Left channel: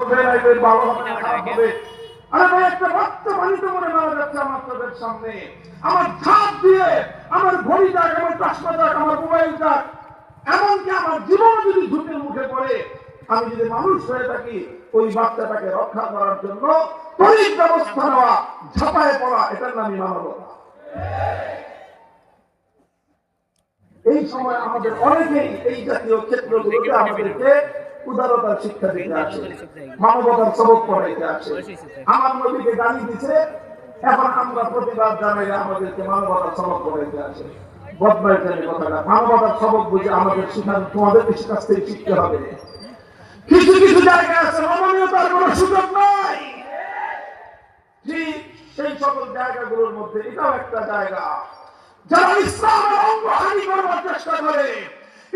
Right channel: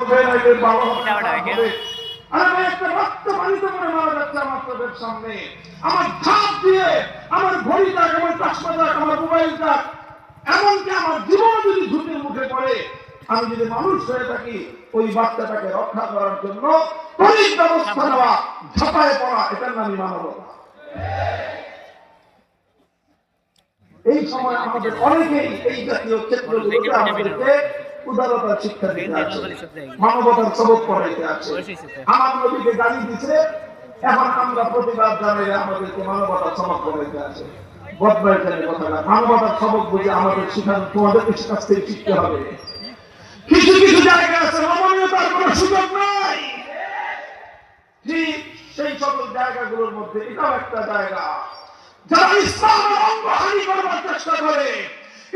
ভালো হবে না খারাপ হবে। আরে ভাই, একটা রক্ত পানিতে মরে মারা যাচ্ছে আমার চোখের সামনে। আমার ধাপ দিয়ে আমার ঘড়ি যাক, আমার চশমা যাক, আমার মোবাইল যাক, এমনকি আমার জীবন যদি ঝুঁকির মুখে পড়ে, আমি যদি মানুষ হয়ে থাকি, ওই বাচ্চাটাকে রক্ষা করার জন্য তড়িৎ ব্যবস্থা নেওয়া, ঝাঁপায়ে পড়া, এটার নামই মানবতা। এই সময় আমাদের অনেকেই এই জাতীয় ক্ষেত্রগুলোতে আমাদেরকে উদারতার শিক্ষা দিতে আছে, মানবতার সবক পড়াইতে আছে। আমার নবীকে গালি দিছে, এখন আমরা প্রতিবাদ জানাইলে আমাদেরকে মানবতার সবক পড়াইতে আছে। বদমাইশের কথাটা মানবতার সবক বুঝে আমাদের শিখানো, তোমাদের কাছ থেকে শিখতে হবে। কিছু কিছু জায়গা আছে নমনীয়তার কোনো সুযোগ নাই, ঠিক সেই সকল জায়গাগুলোর মধ্যে এটাও একটা জায়গা। যারা ইসলামের অঙ্গহানি করবার চেষ্টা করে,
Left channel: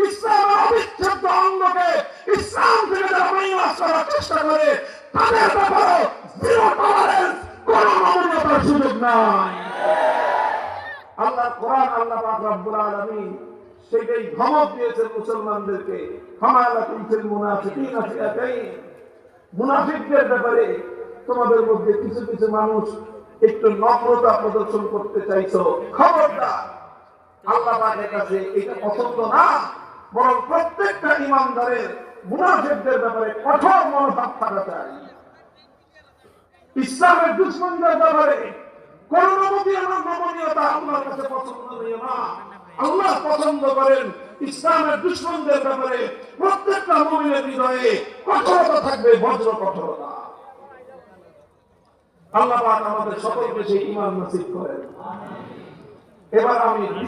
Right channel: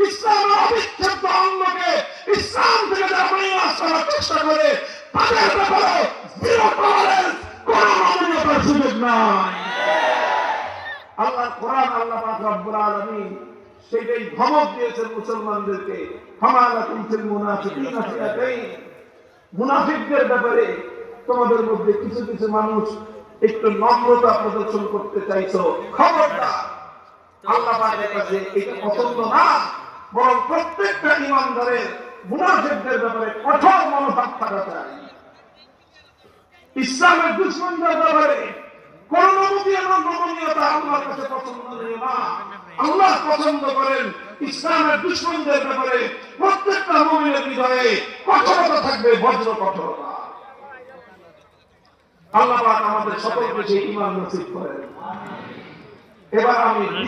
ইসলামের অবিচ্ছেদ্য অঙ্গকে ইসলাম থেকে যারা মাইনাস করার চেষ্টা করে, তাদের ব্যাপারে জিরো টলারেন্স, কোনো নমনীয়তার সুযোগ নাই। আল্লাহর কোরআন, আল্লাহ পাক রব্বুল আলামিন সেটাই ধমক দিয়েছেন মুসলমানদেরকে, ফামা লাকুম ফিল মুনাফিকিনা ফিআতাইন। মুনাফিকদের ব্যাপারে তোমাদের মধ্যে কিছু কিছু মানুষ একটু নম্রতা প্রদর্শন করতে চাইছো, খবরদার, আল্লাহ পাকের কাছে এটা পছন্দ না। বরং প্রত্যেকটা ইমানদারের মুনাফিকদের ব্যাপারে কঠোর মনোভাব থাকা চাই। ইসলামের দুশমনদের ব্যাপারে কোন নমনীয়তা আল্লাহর কাছে পছন্দ নেই না। আল্লাহ পছন্দ করেন ইসলামের দুশমনদের ব্যাপারে প্রত্যেকটা মুমিনের হৃদয়ে কঠোরতা থাকবে, বজ্র কঠোরতা। আল্লাহ পাক আমাদের সকলকে সেই ঈমান নসিব করেন। এবার আমি